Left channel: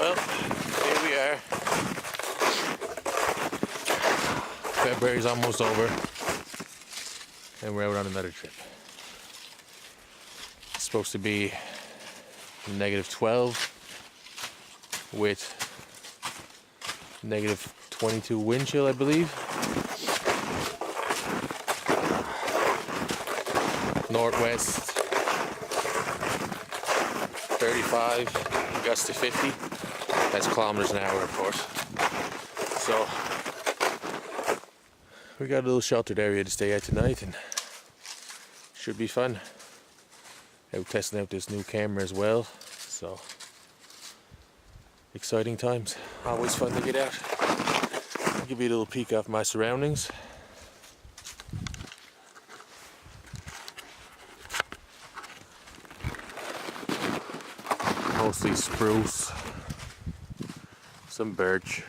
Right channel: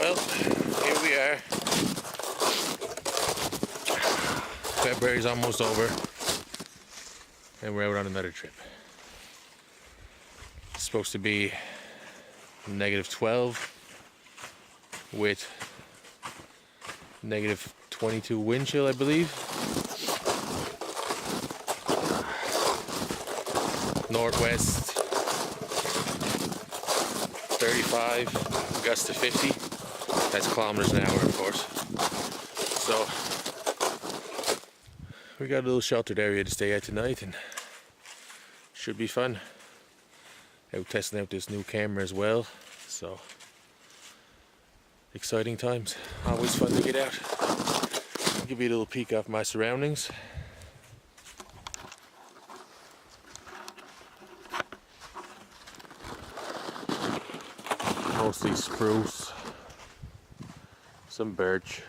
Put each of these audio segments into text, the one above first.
Well, here we are. February's almost over, and we're out on another trip. It's supposed to be -12 with -22 wind chill, I believe. Northwest 35, gusts to 50. That's kilometers an hour, of course. So we got a little sheltered area to stay at tonight, and should be fun. Out testing out this new camera as well, so exciting times. Always fun to get out. I'll give you a little peek off my surroundings. Mostly spruce, some birch,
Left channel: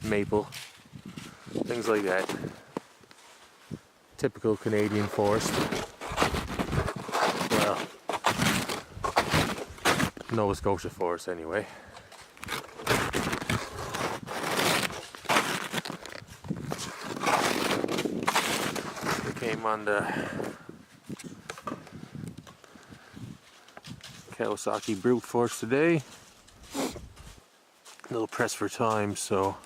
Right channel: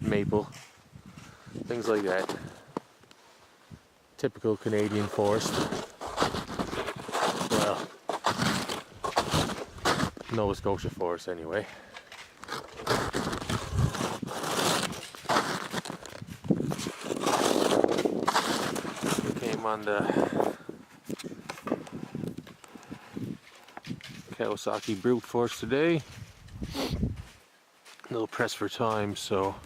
maple, things like that. Typical Canadian forest. Well, Nova Scotia forest anyway. We came on the Kawasaki Brute Force today. A little pressed for time, so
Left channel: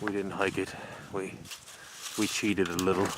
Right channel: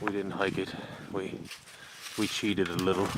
we didn't hike it. We cheated a little.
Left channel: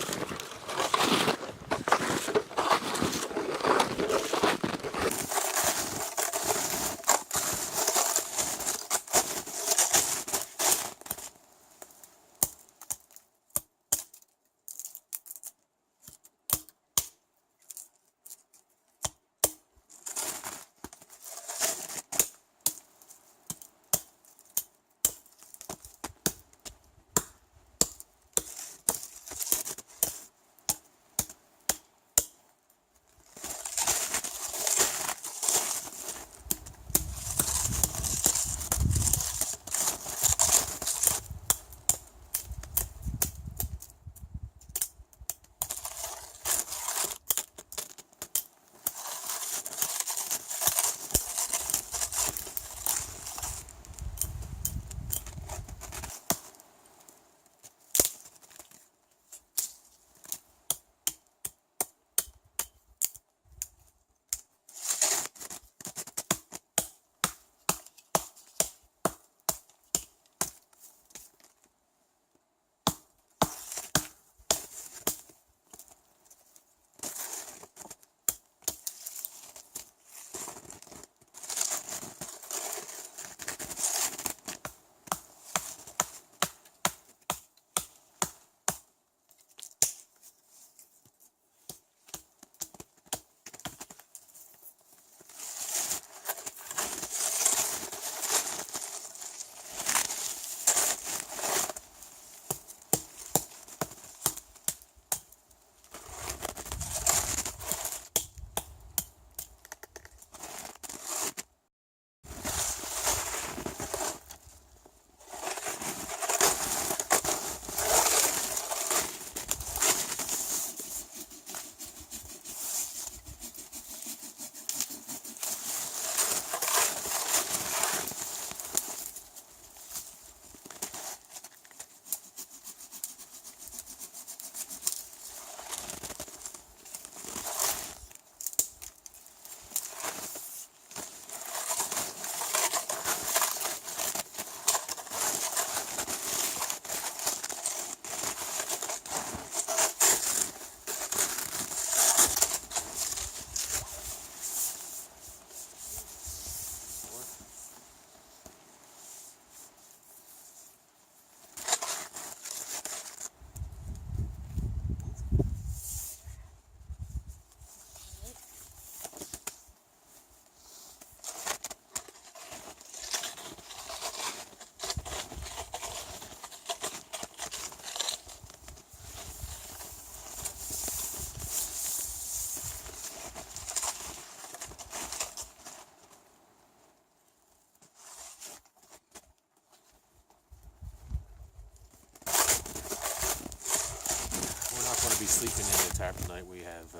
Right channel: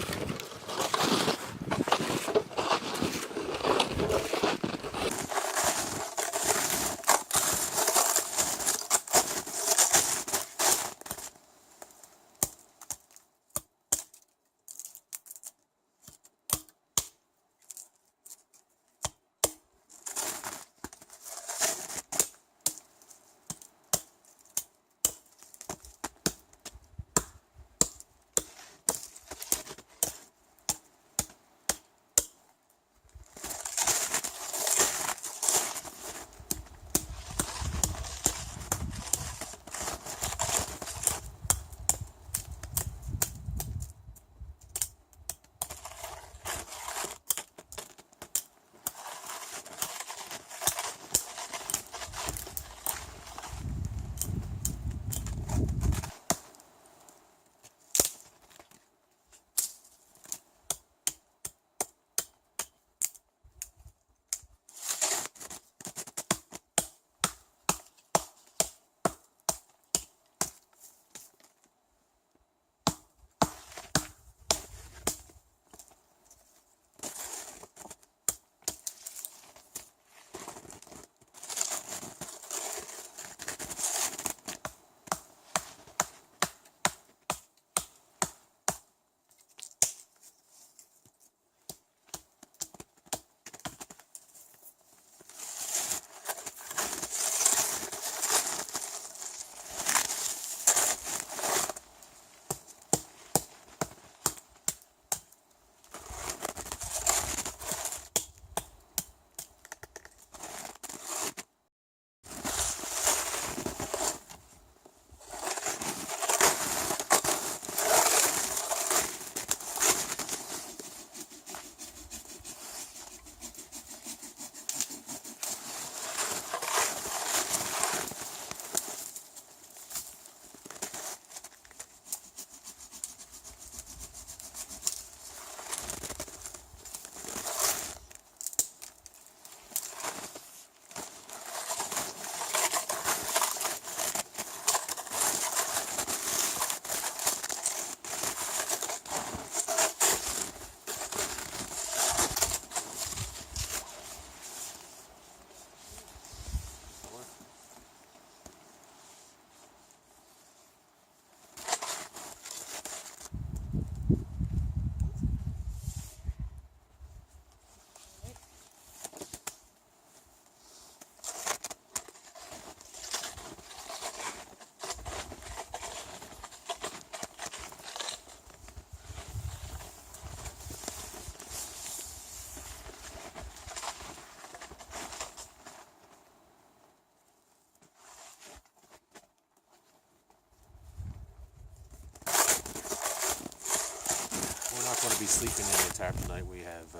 Going to be sleeping in the tarp tonight. We have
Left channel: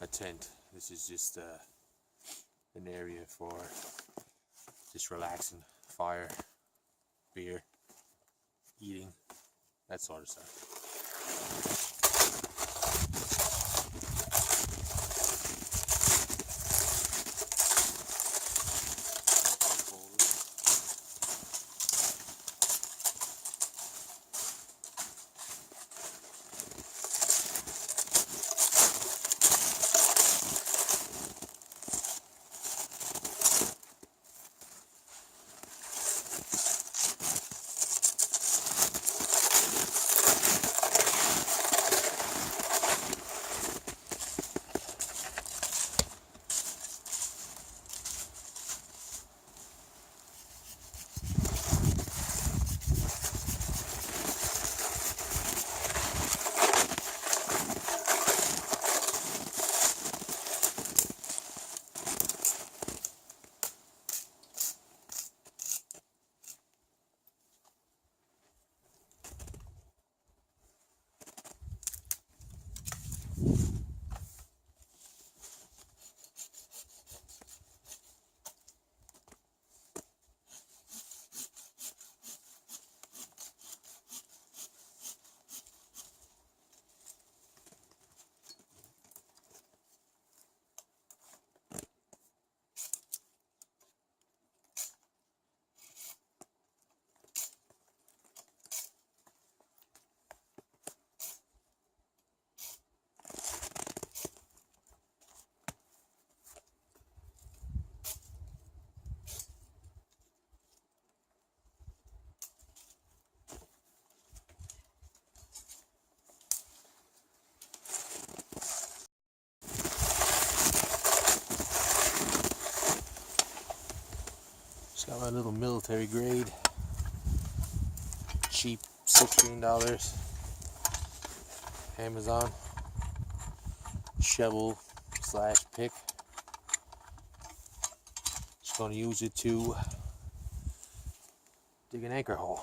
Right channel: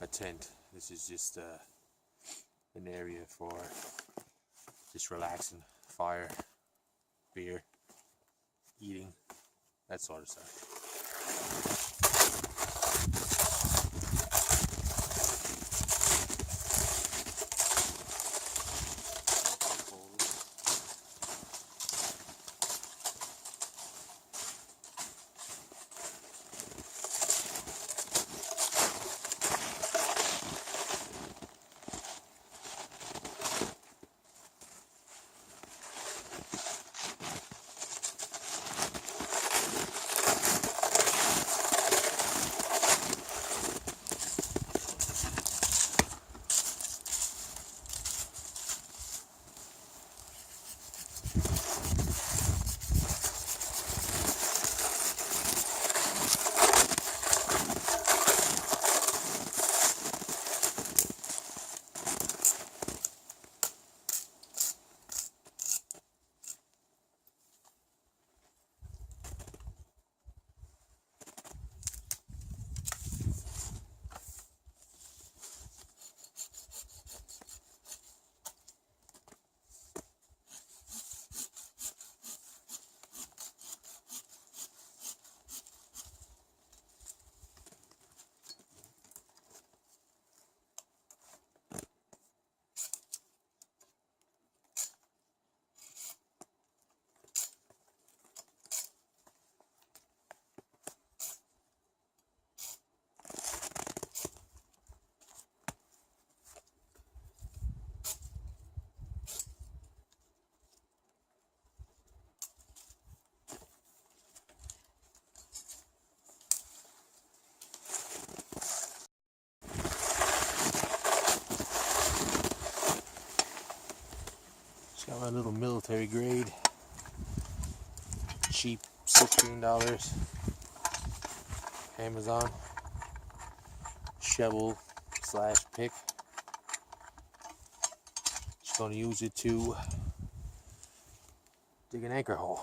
a tent. This is just an area for just relaxing, fire, beer, eating, that sort of stuff. Just got my little military grade, cheap, $16, Amazon shovel slash pick. Just gonna use it to dig an anchor hole.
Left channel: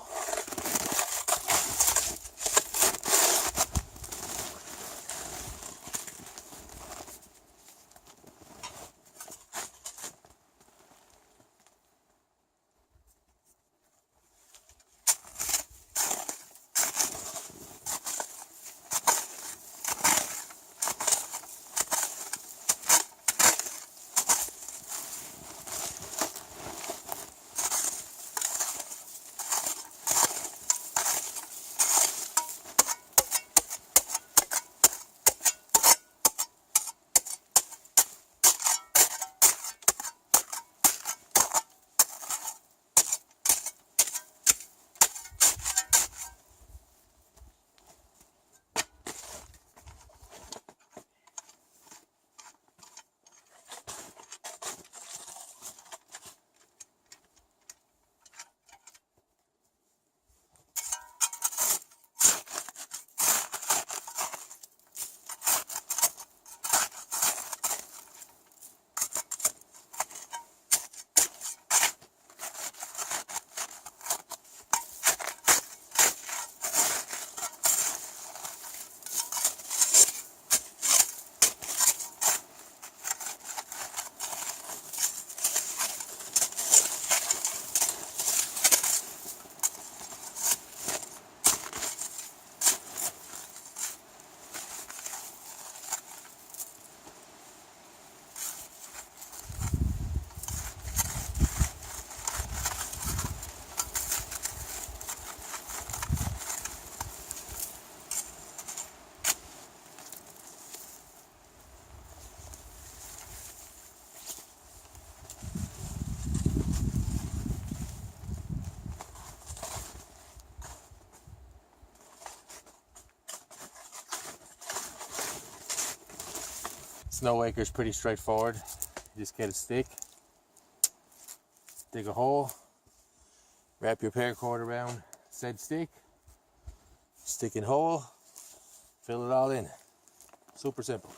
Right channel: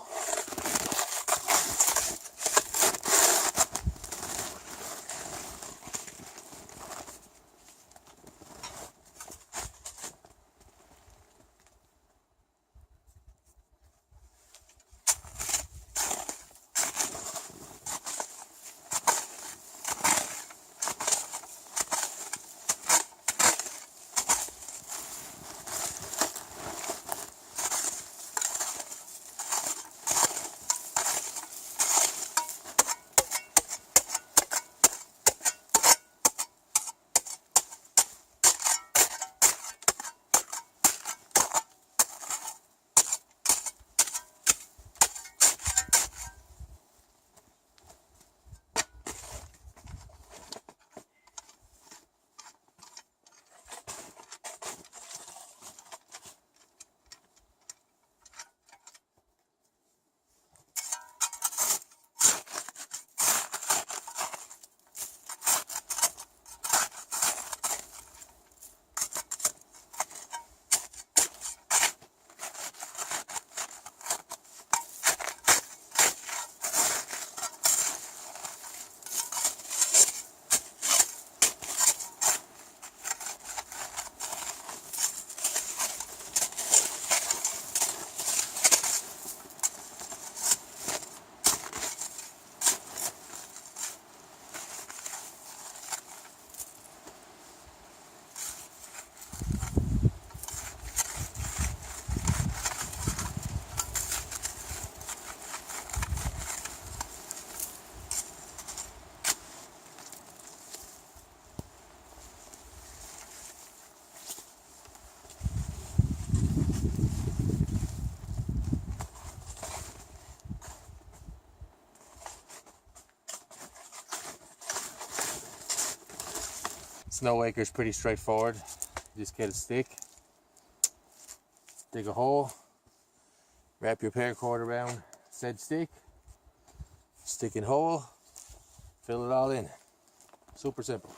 Snow anchor is pretty straightforward. You just get a stick, dig a hole, wrap your paracord around said stick, stick in hole, fill it all in. Super simple.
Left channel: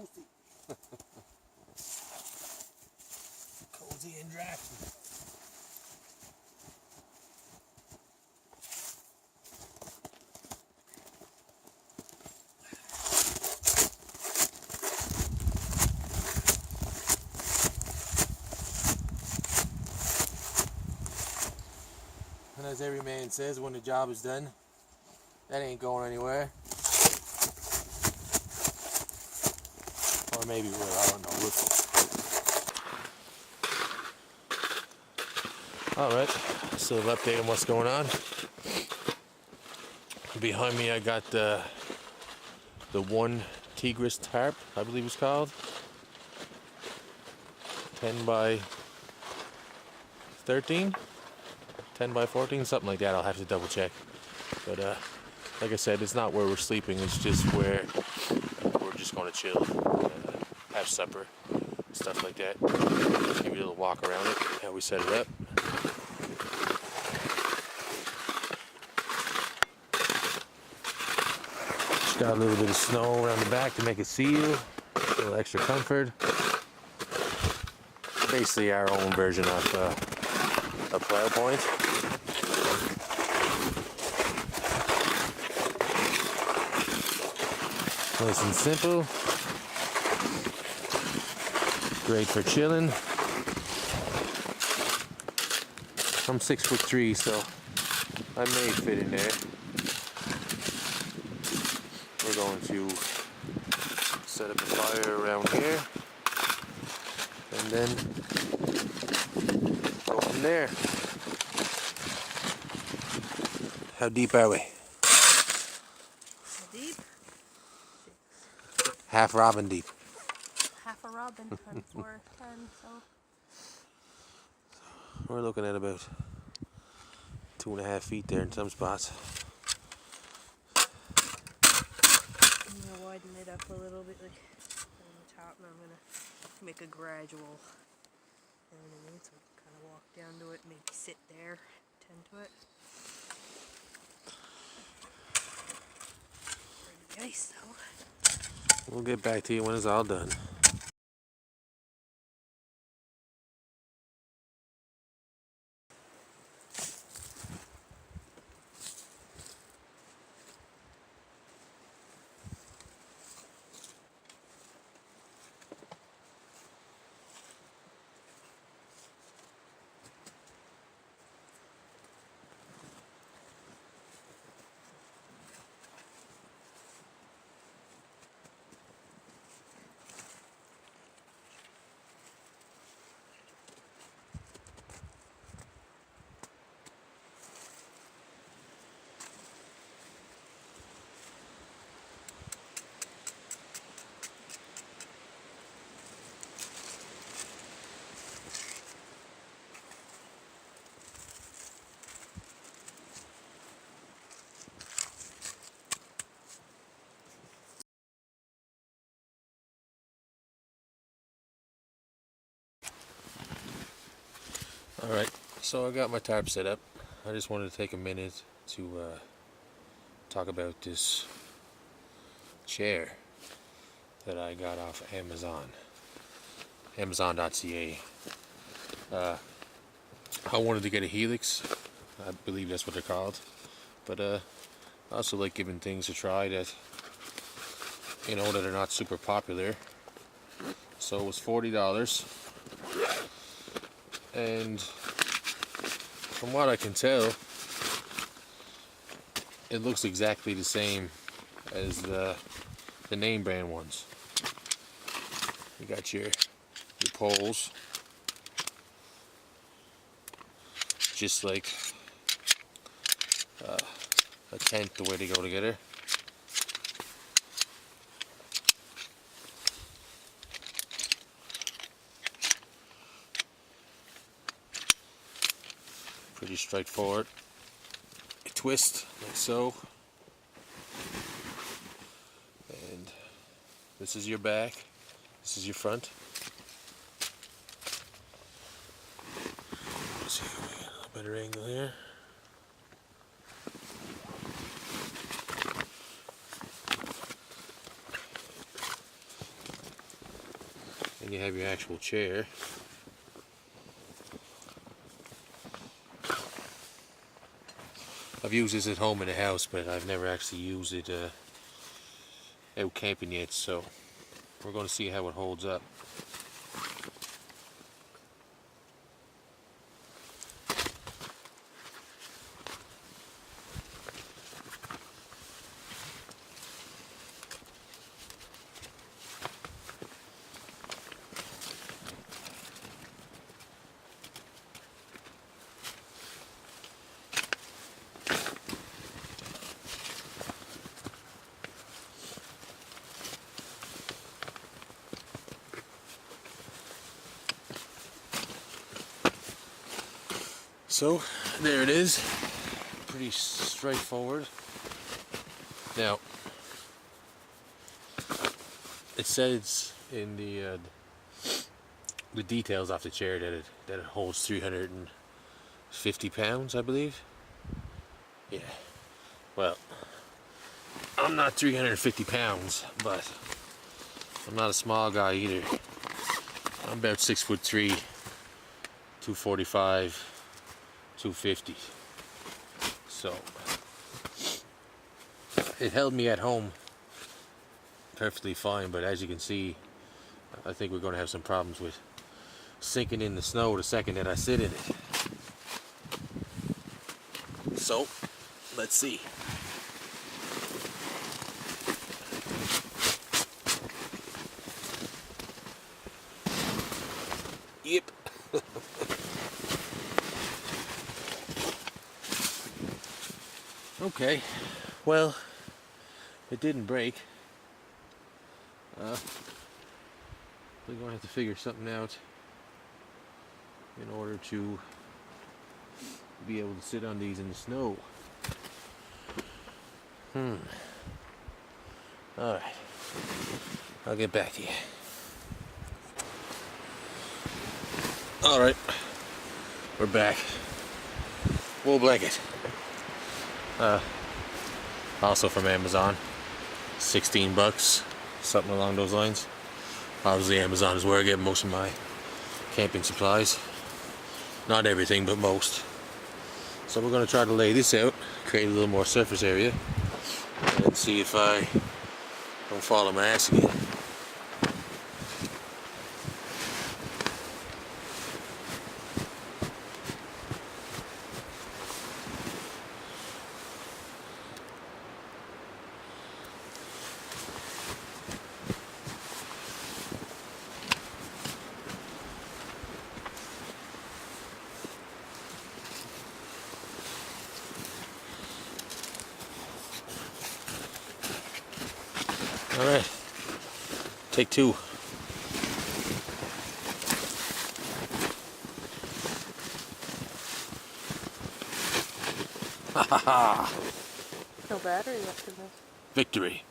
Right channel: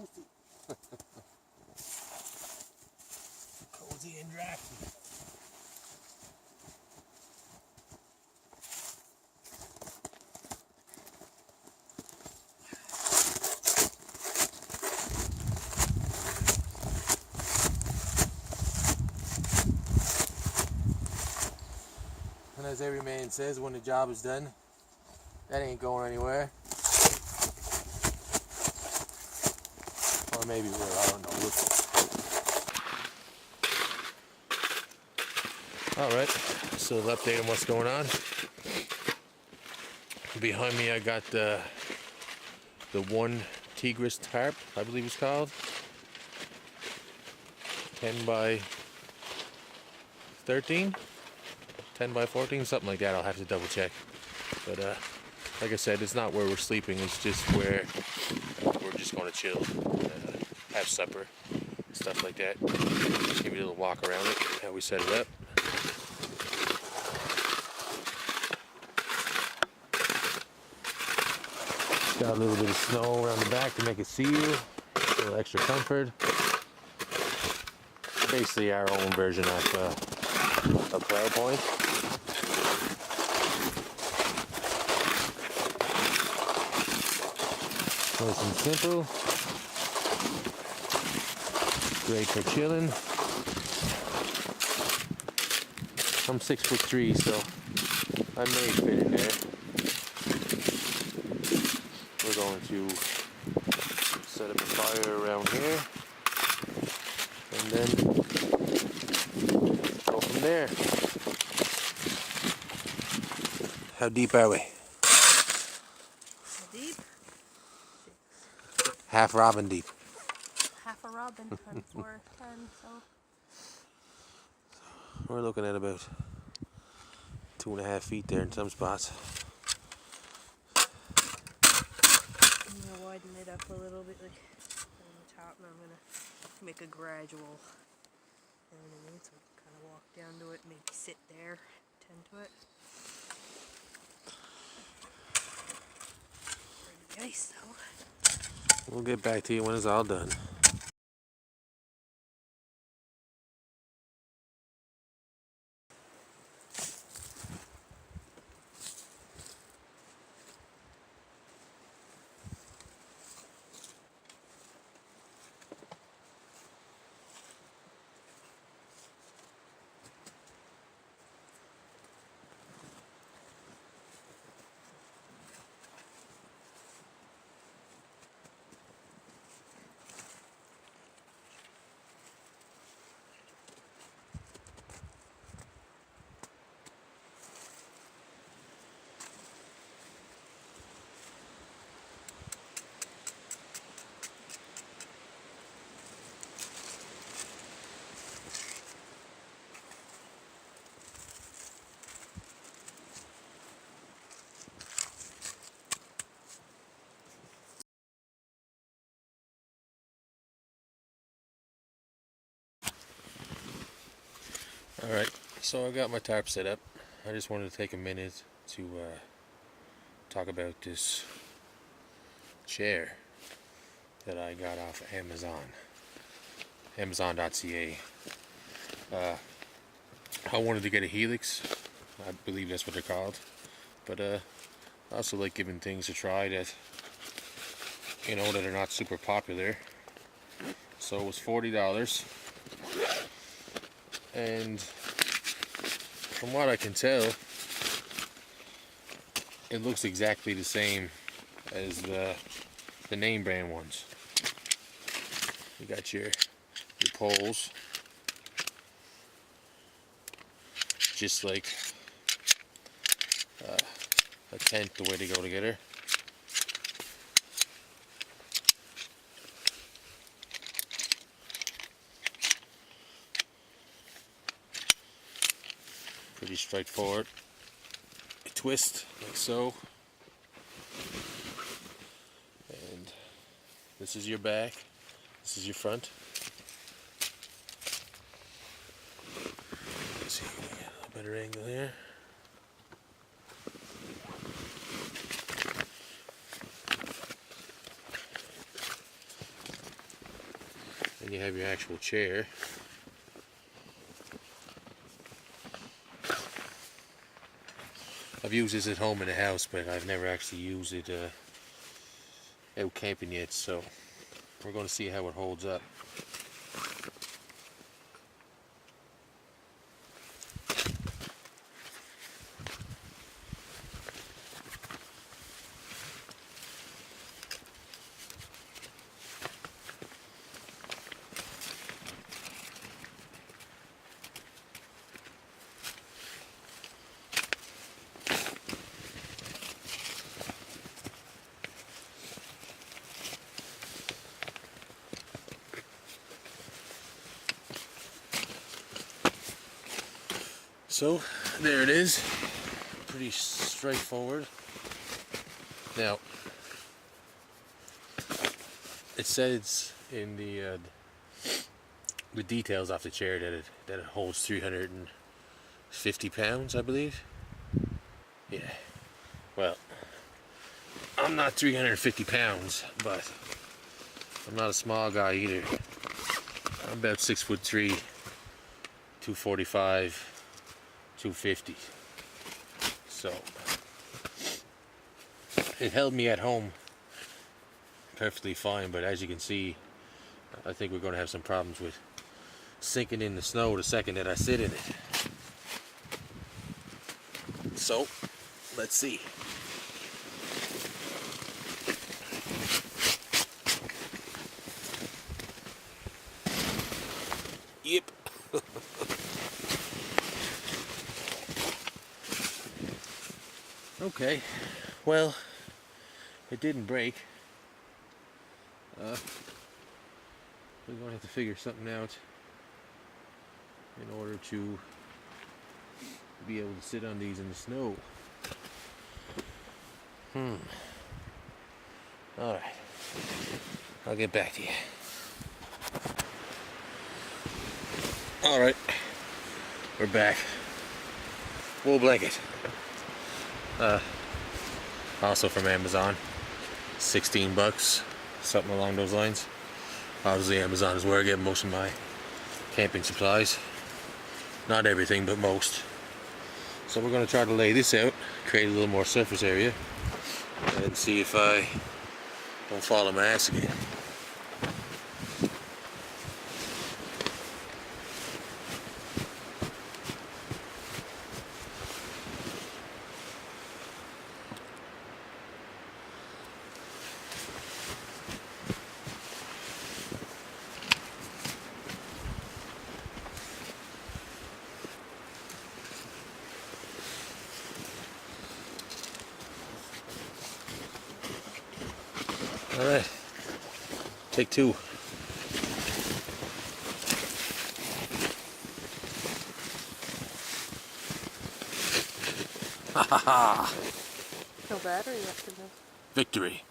toasty. Cozy and drafty. And as every man says, when the job is done, that ain't going anywhere. Or maybe it will, I don't know. We'll see. Alright, so an update on what's going on. Behind me I got the one Tigris tarp, I believe it's called. 10 by 13? 10 by 14, something like that. I'll have to double check. But like I said, it's not where we're sleeping, it's just where we're just going to chill, have supper, stuff like that. Just give you a little walk around it, how we set it up. Got a little bit of snow around the back to make it seal, a little extra comfort. Basically our own version of a plow point. Nice and simple. Great for chilling. I'm 6'3", so I may fit in there. We're going to set up a fire around here and then go from there. How deep are we? Deep? Half robin deep. Half a robin and 410, so. We're looking at about 2.5 feet there in some spots. I'm gonna widen it up a little bit, like on the top, and I'm gonna make a gradual. You know what I mean? So I can kind of walk down to it, maybe sit there, tend to it. Pretty nice, though. We'll get back to you when it's all done. Alright, so I got my tarp set up. I just wanted to take a minute to talk about this chair that I got off Amazon. Amazon.ca. I wanted to get a Helix. I believe that's what they're called. But I also like giving things a try that, you know, that are not super popular. So it was $40. And from what I can tell, it looks exactly the same as the name brand ones. You got your poles, just like a tent, the way they go together. Pretty straightforward. You twist like so, and this is your back, this is your front. Let's see if we get a little better angle here. Then you have your actual chair. I've used this at home in the house, but I've never actually used it out camping yet, so we're going to see how it holds up. So there it is, pretty straightforward. Now it says in the details off the chair that it holds 350 pounds, I believe. Yeah. Well, I'm not 350 pounds, but I'm not a small guy either. I'm about 6'3", 245. 250. So it held me at home perfectly fine, but as you can see, I think we're going to have some problems with sinking in the snow the second that I sit in it. So let's see. Yep. Okay, well, it didn't break. We're going to have to figure something out in order to be able to sit on these in the snow. Alright, I'll get back to you. Alright, we're back. Wool blanket. Also from Amazon, 16 bucks, something along those lines. Obviously Amazon is where I get most of my camping supplies. Not everything, but most. So we're going to try to lay this out, create a little more surface area, and see if I don't fall on my ass again. Alright, take two. Ha ha ha! No battery left in this. Victory.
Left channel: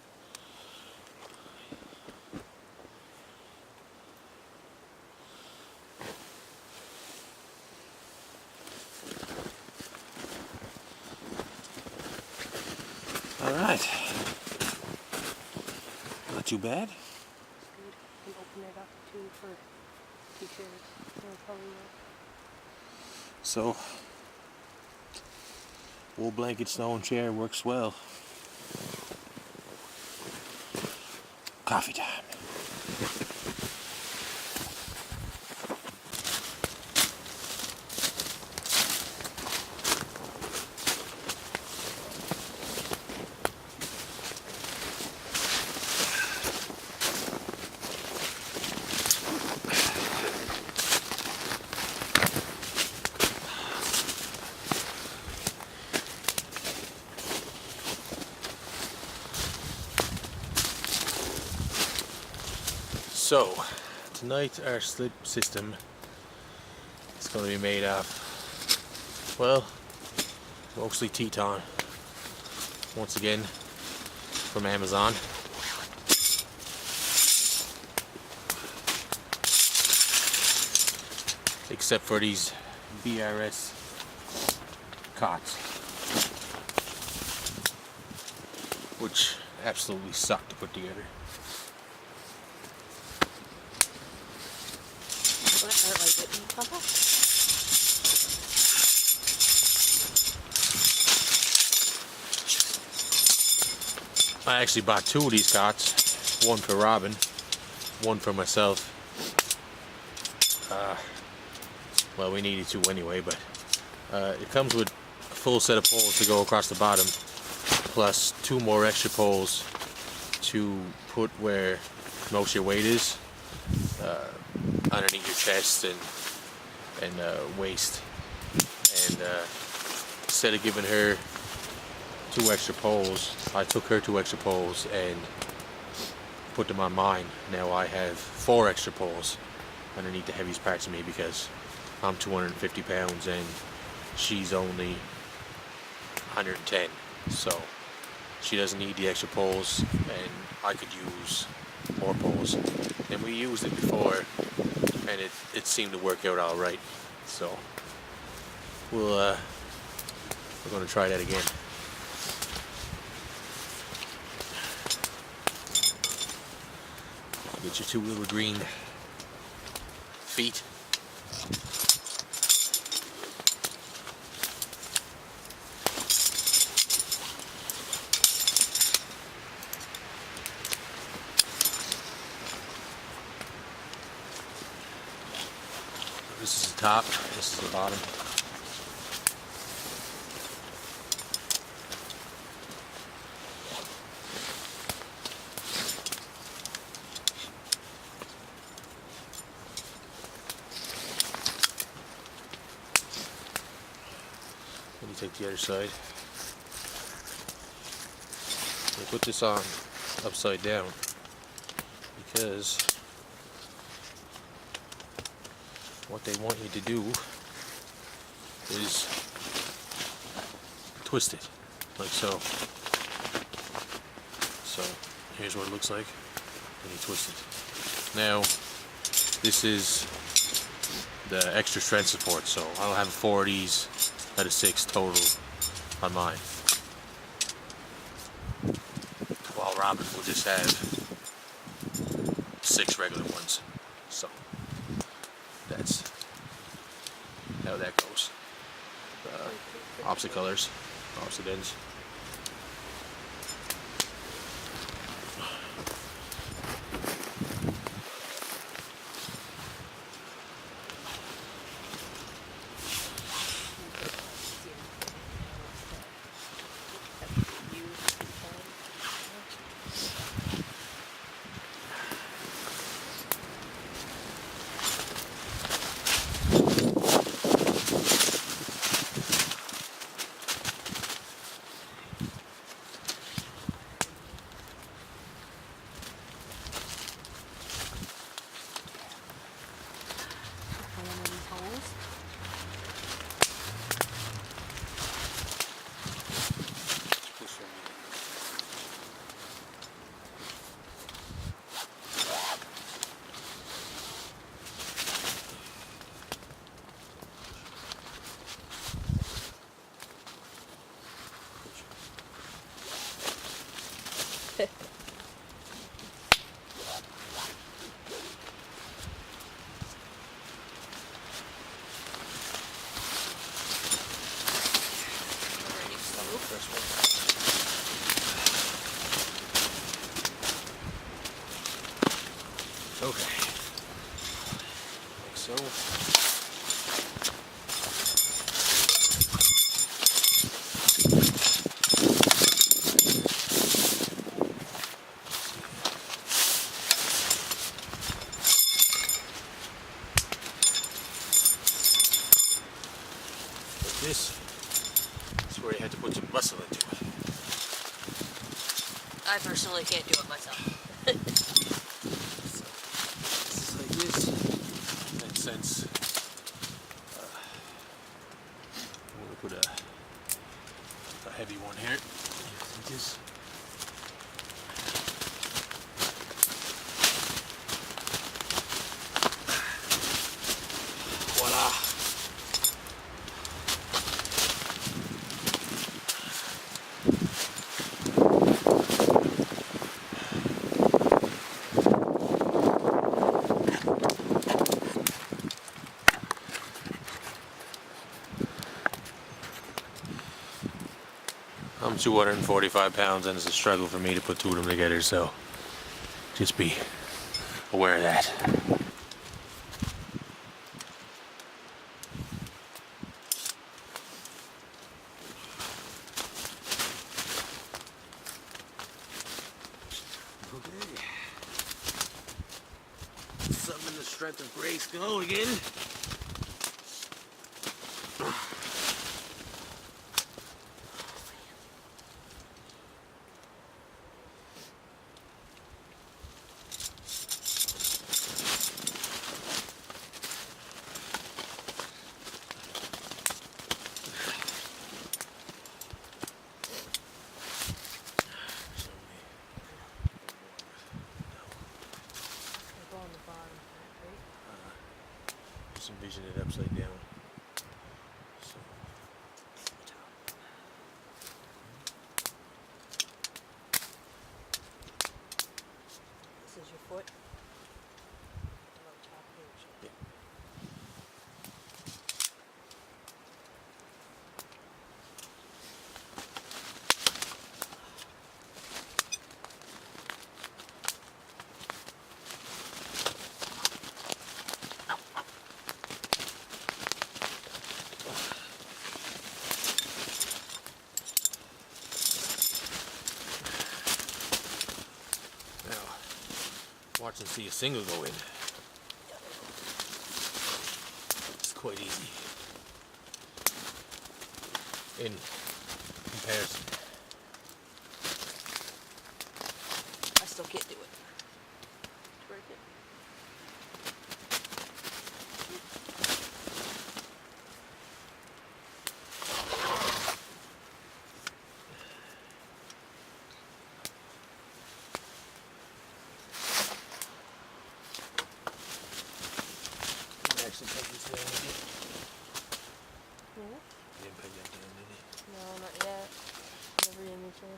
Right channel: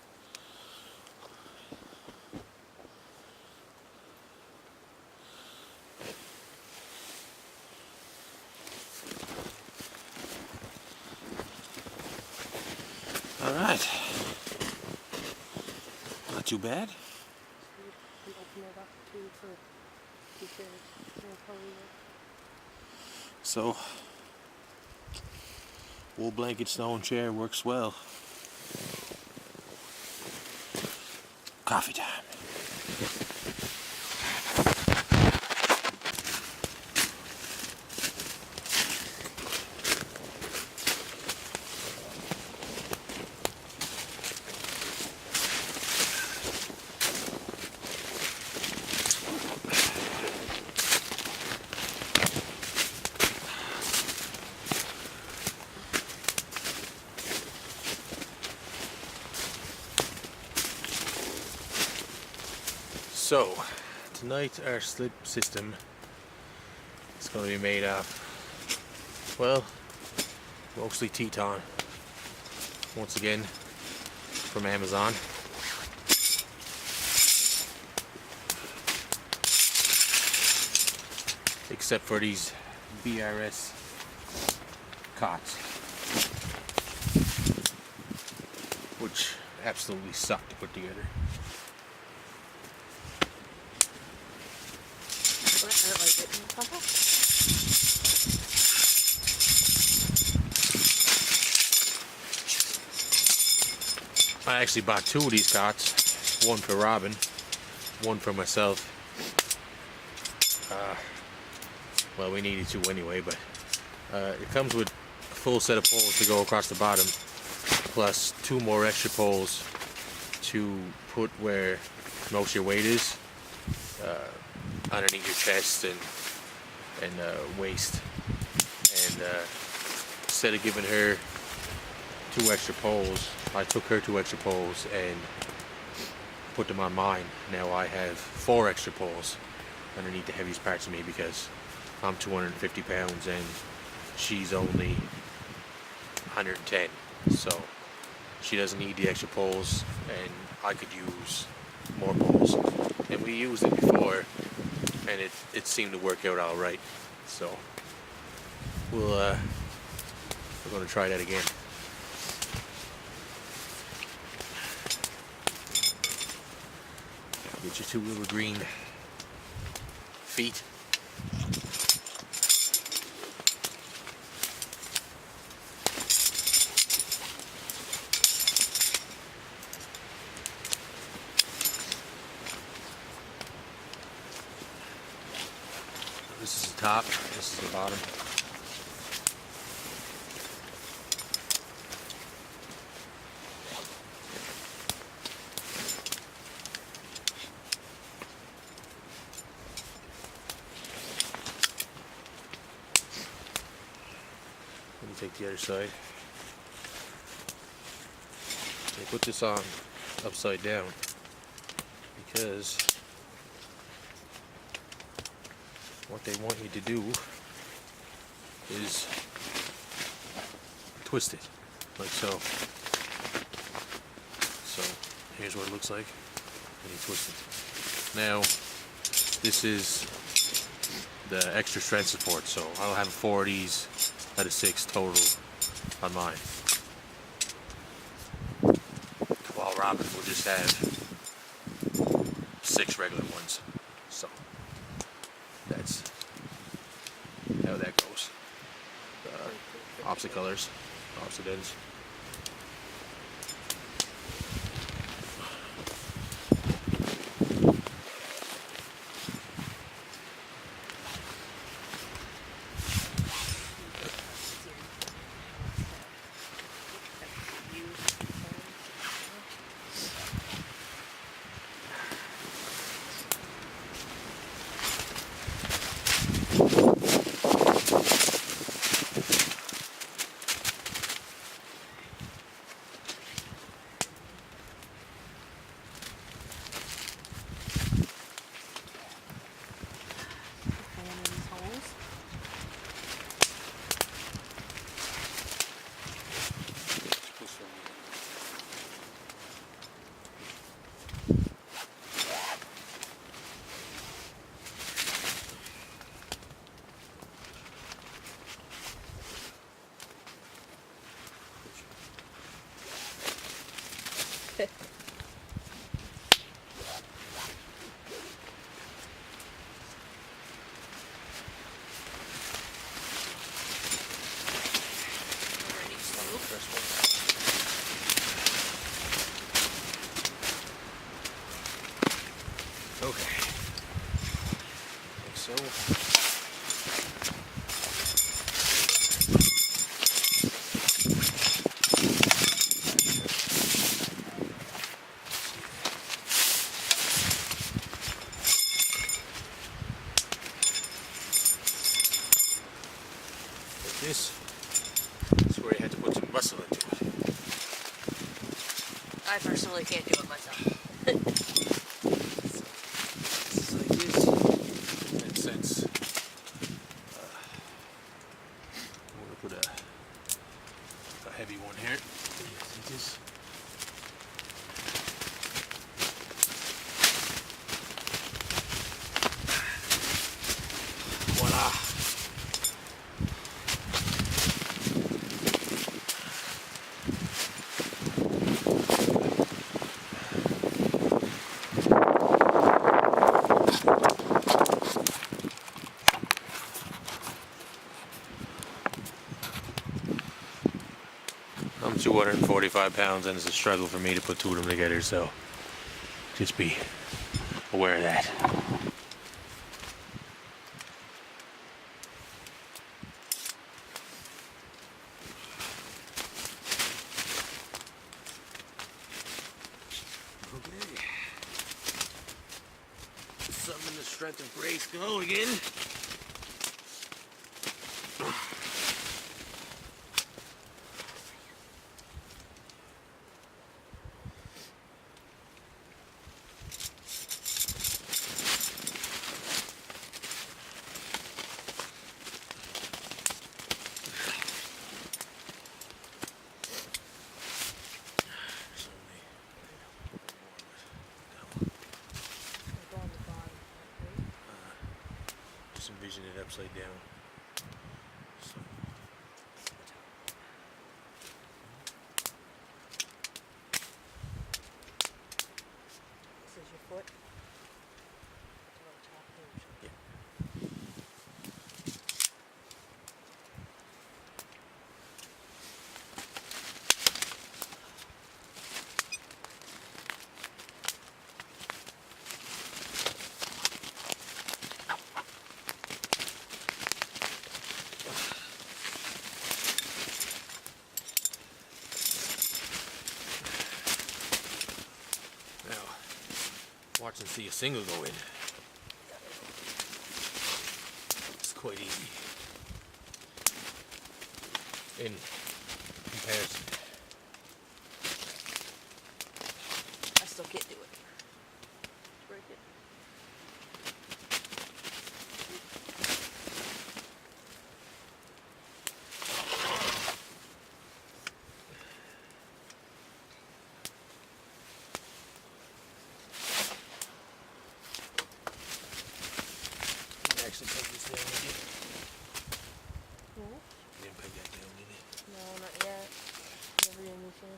Alright. Not too bad. You open it up too for t-shirts. So, wool blanket, snow and chair works well. Coffee time. So, tonight our slip system is going to be made of, well, mostly Teton. Once again, from Amazon. Except for these BRS cots, which absolutely suck to put together. I actually bought 2 of these cots, one for Robin, one for myself. Well, we needed 2 anyway, but it comes with a full set of poles to go across the bottom, plus 2 more extra poles to put where most of your weight is, underneath your chest and waist. And instead of giving her 2 extra poles, I took her 2 extra poles and put them on mine. Now I have 4 extra poles underneath the heaviest parts of me, because I'm 250 pounds and she's only 110, so she doesn't need the extra poles, and I could use more poles. And we used it before, and it seemed to work out all right. So we're going to try that again. Get your 2 little green feet. This is the top, this is the bottom. Let me take the other side. We put this on upside down because what they want you to do is twist it, like so. So here's what it looks like, and you twist it. Now this is the extra strength support, so I'll have 4 of these out of 6 total on mine, while Robin will just have 6 regular ones. So that's how that goes. Opposite colors, opposite ends. Okay, like so. Like this. This is where you had to put some muscle into it. I personally can't do it myself. In that sense, I'm going to put a heavy one here. Like this. Voila! I'm 245 pounds and it's a struggle for me to put two of them together, so just be aware of that. Okay. Summon the strength of Grace go again. Just envision it upside down. So. This is your foot. Yeah. Watch and see a single go in. It's quite easy in comparison. I still can't do it. Break it. Actually peg this down, did you? Hmm? You didn't peg that down, did you? No, not yet. Never in the chair.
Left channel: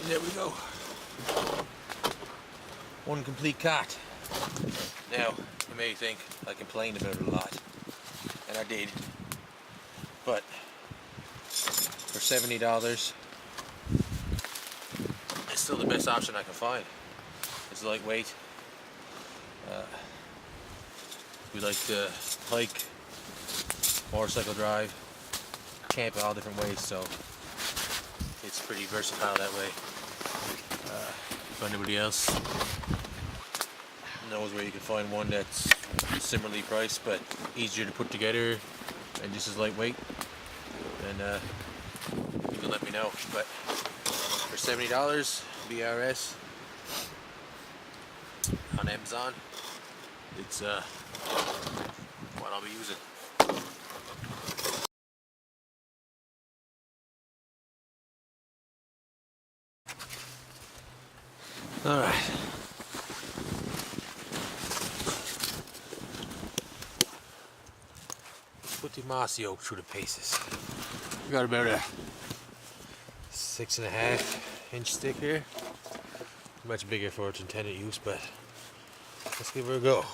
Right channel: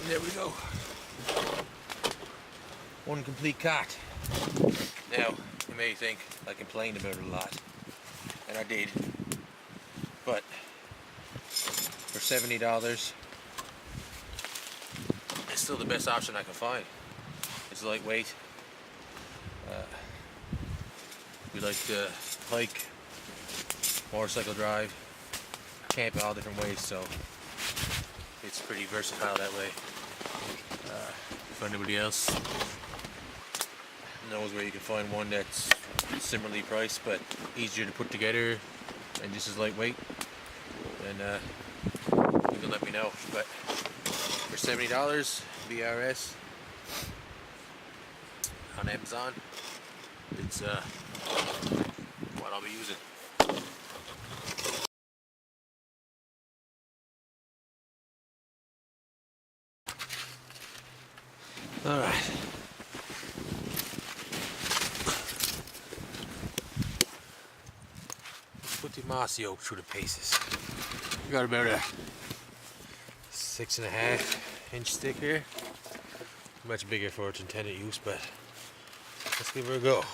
And there we go. One complete cot. Now, you may think I complained about it a lot, and I did, but for $70, it's still the best option I can find. It's lightweight. We like to hike, motorcycle drive, camp in all different ways, so it's pretty versatile that way. If anybody else knows where you can find one that's similarly priced but easier to put together and just as lightweight, then you can let me know. But for $70 VRS on Amazon, it's what I'll be using. All right. Let's put the mossy oak through the paces. We got about a 6.5-inch stick here. Much bigger for its intended use, but let's give her a go.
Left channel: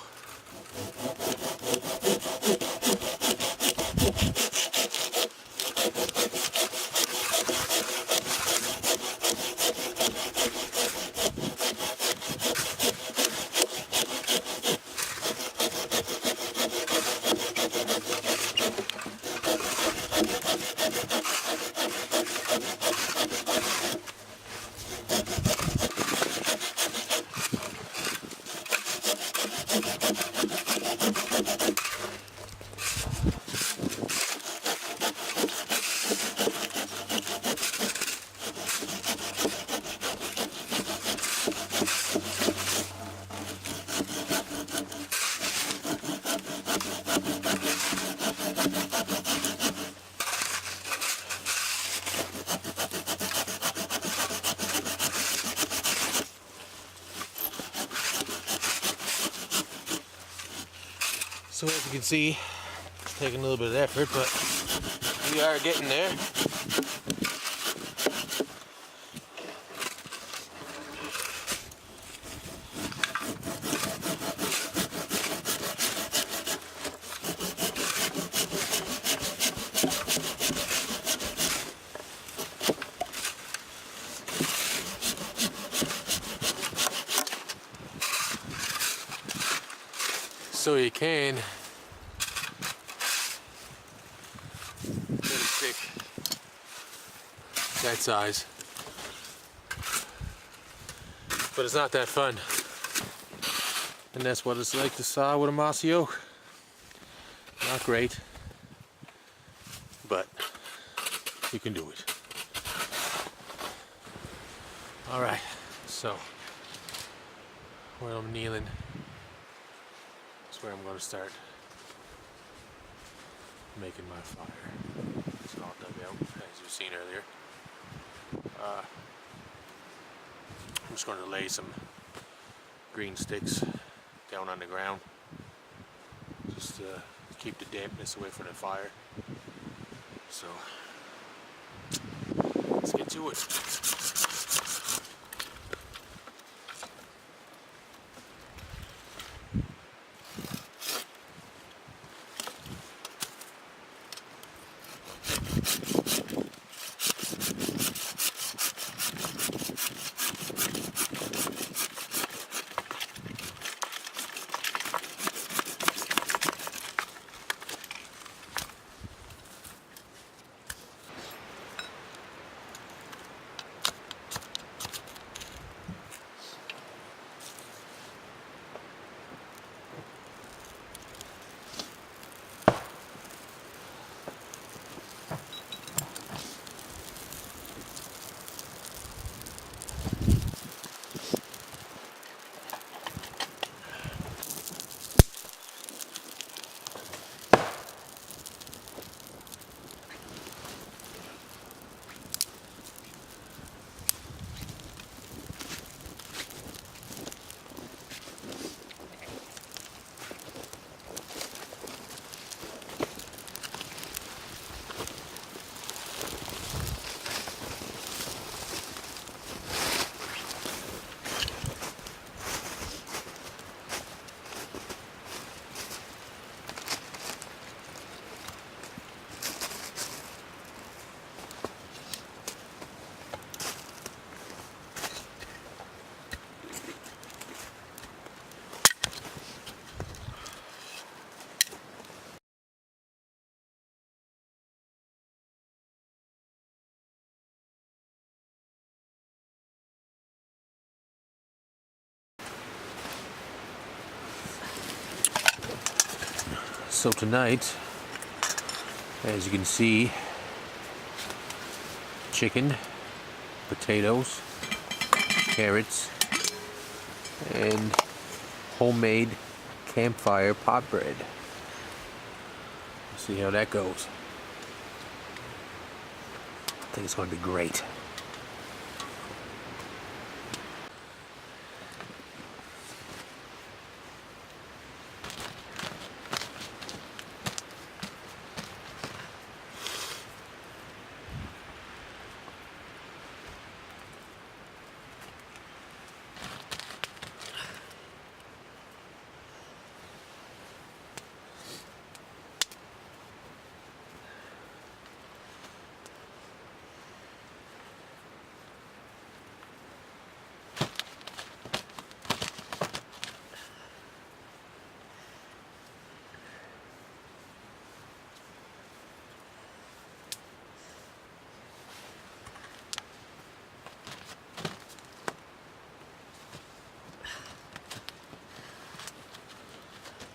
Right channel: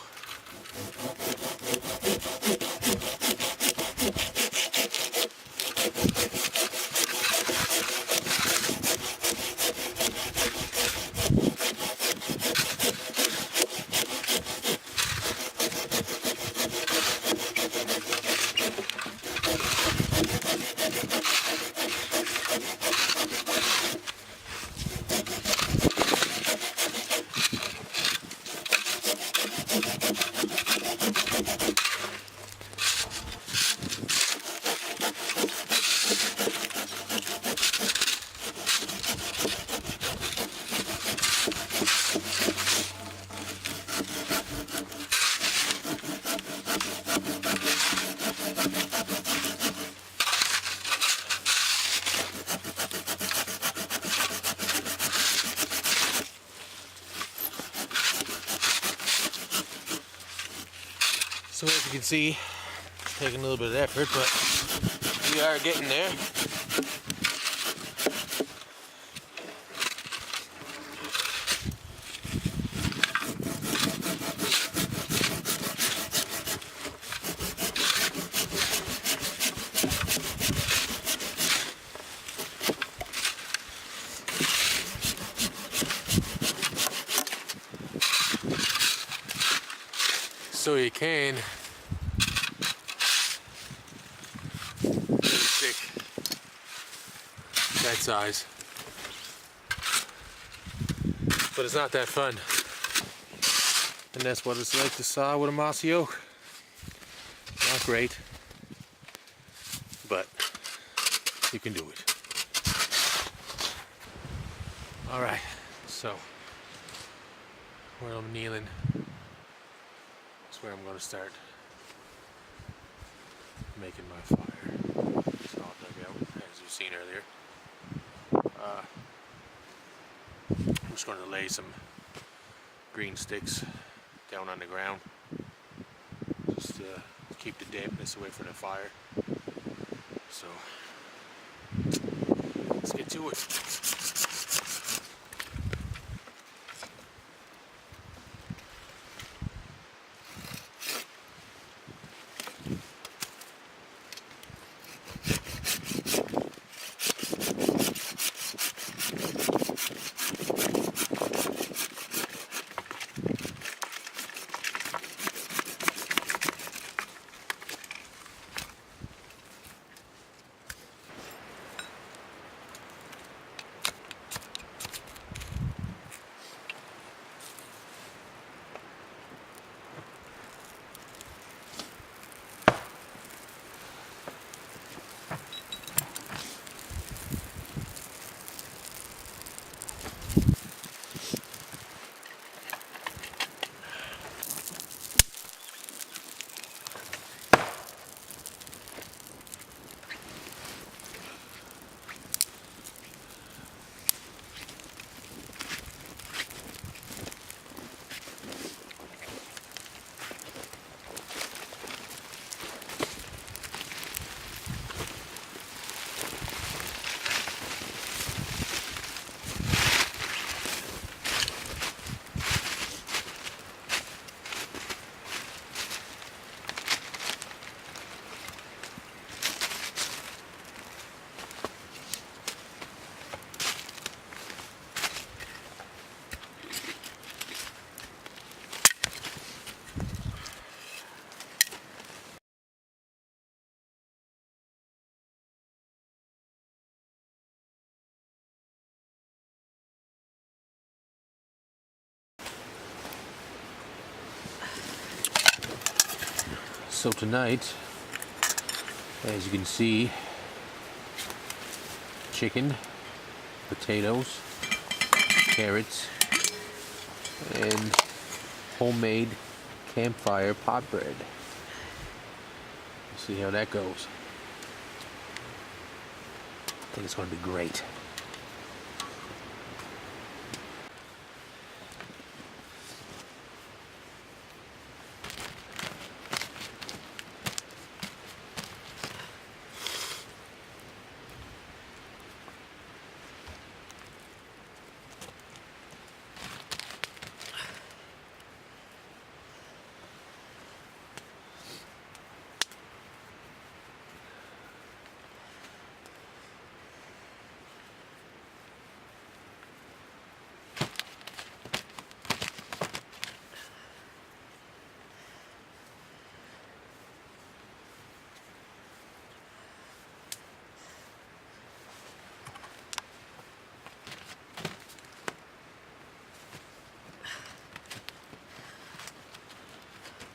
So as you can see, taking a little bit of effort, but we are getting there. So you can get a stick that size, but it's not that fun. And that's what it's like to saw with a mossy oak. Not great, but you can do it. All right, so where I'm kneeling is where I'm going to start making my fire. It's all dug out, as you've seen earlier. I'm just going to lay some green sticks down on the ground, just to keep the dampness away from the fire. So let's get to it. So tonight, as you can see, chicken, potatoes, carrots, and homemade campfire pot bread. See how that goes. I think it's going to be great.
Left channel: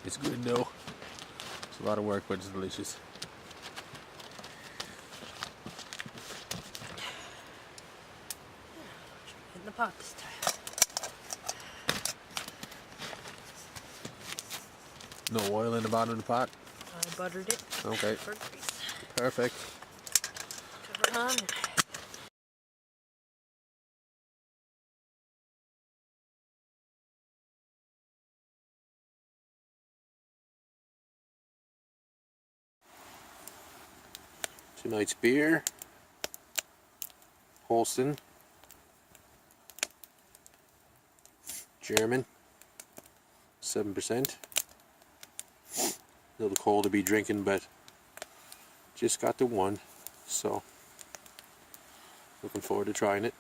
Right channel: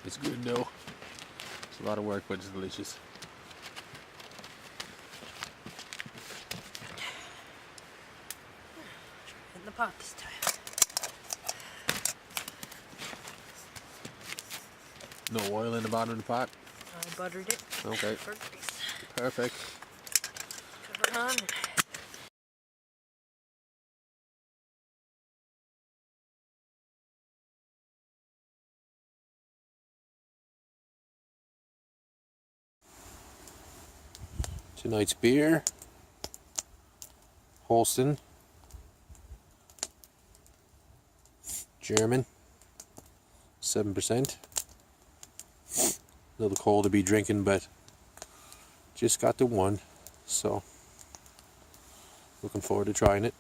It's good though. It's a lot of work, but it's delicious. In the pot this time. No oil in the bottom of the pot? I buttered it. Okay. For grease. Perfect. Cover it on. Tonight's beer, Holsten, German, 7%. A little cold to be drinking, but just got the one, so looking forward to trying it.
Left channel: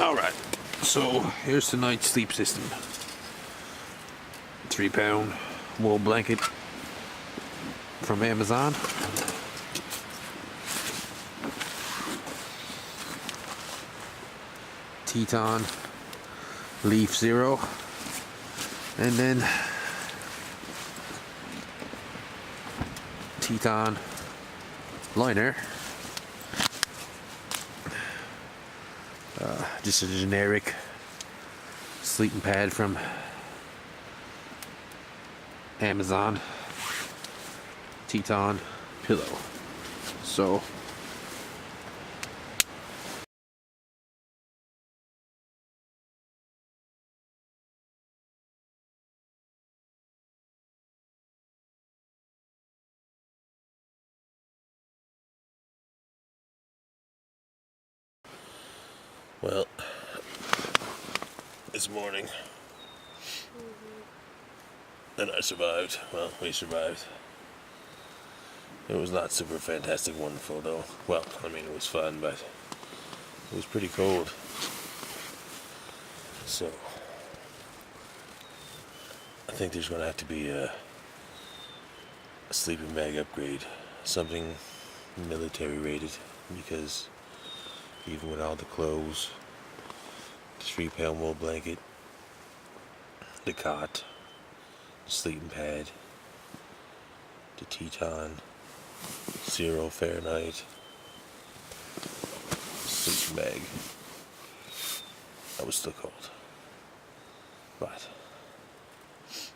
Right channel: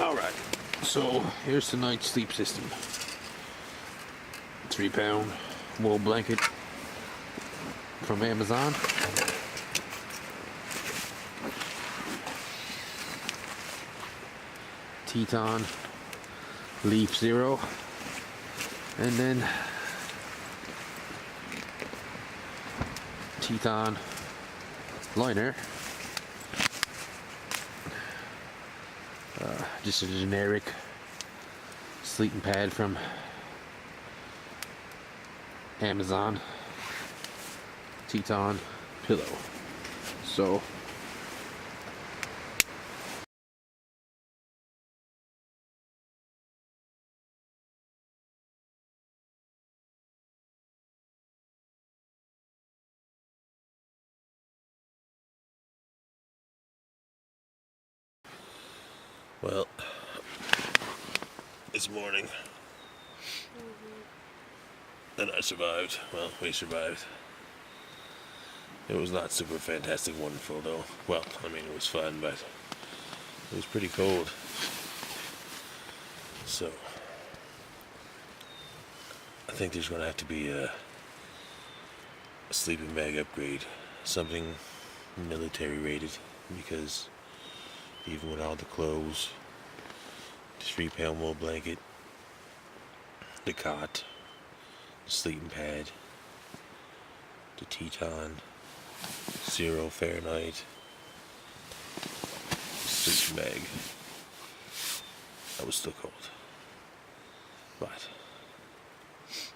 Alright, so here's tonight's sleep system. 3-pound wool blanket from Amazon. Teton Leaf Zero. And then Teton liner. Just a generic sleeping pad from Amazon. Teton pillow. So well, this morning, and I survived. Well, we survived. It was not super fantastic wonderful though. Well, I mean, it was fun, but it was pretty cold. So I think there's going to have to be a sleeping bag upgrade, something military rated, because even with all the clothes, the 3-pound wool blanket, the cot, the sleeping pad, the Teton 0 Fahrenheit sleeping bag, I was still cold, but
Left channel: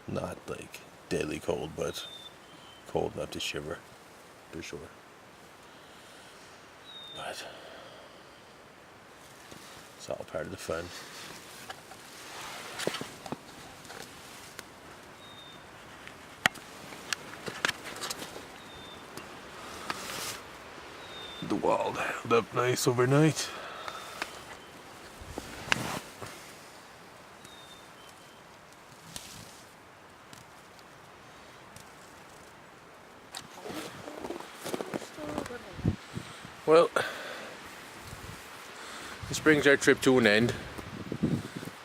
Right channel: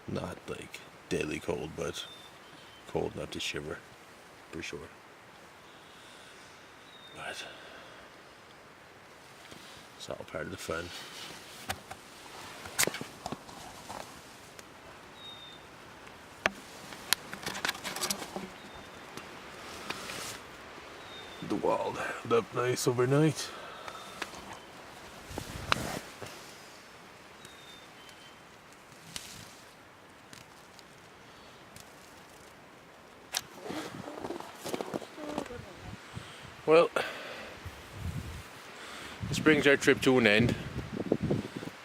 not like deadly cold, but cold enough to shiver for sure. But it's all part of the fun. The wall held up nice overnight. Well, this brings our trip to an end.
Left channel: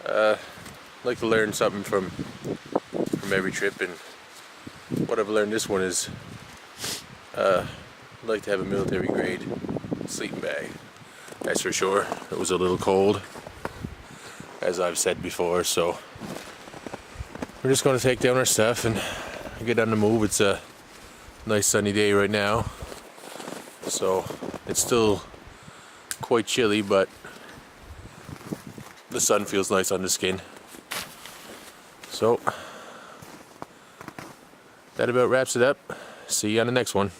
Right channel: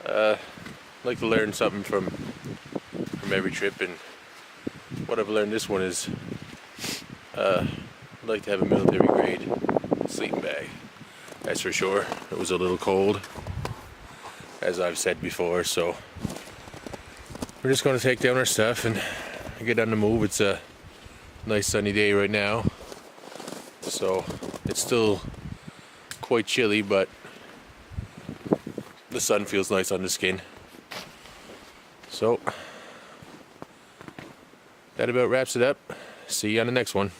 I'd like to learn something from every trip, and what I've learned this one is I'd like to have a military grade sleeping bag. That's for sure. It was a little cold, as I've said before, so we're just going to take down our stuff and get on the move. It's a nice sunny day right now, so it's still quite chilly, but the sun feels nice on the skin. So that about wraps it up. See you on the next one.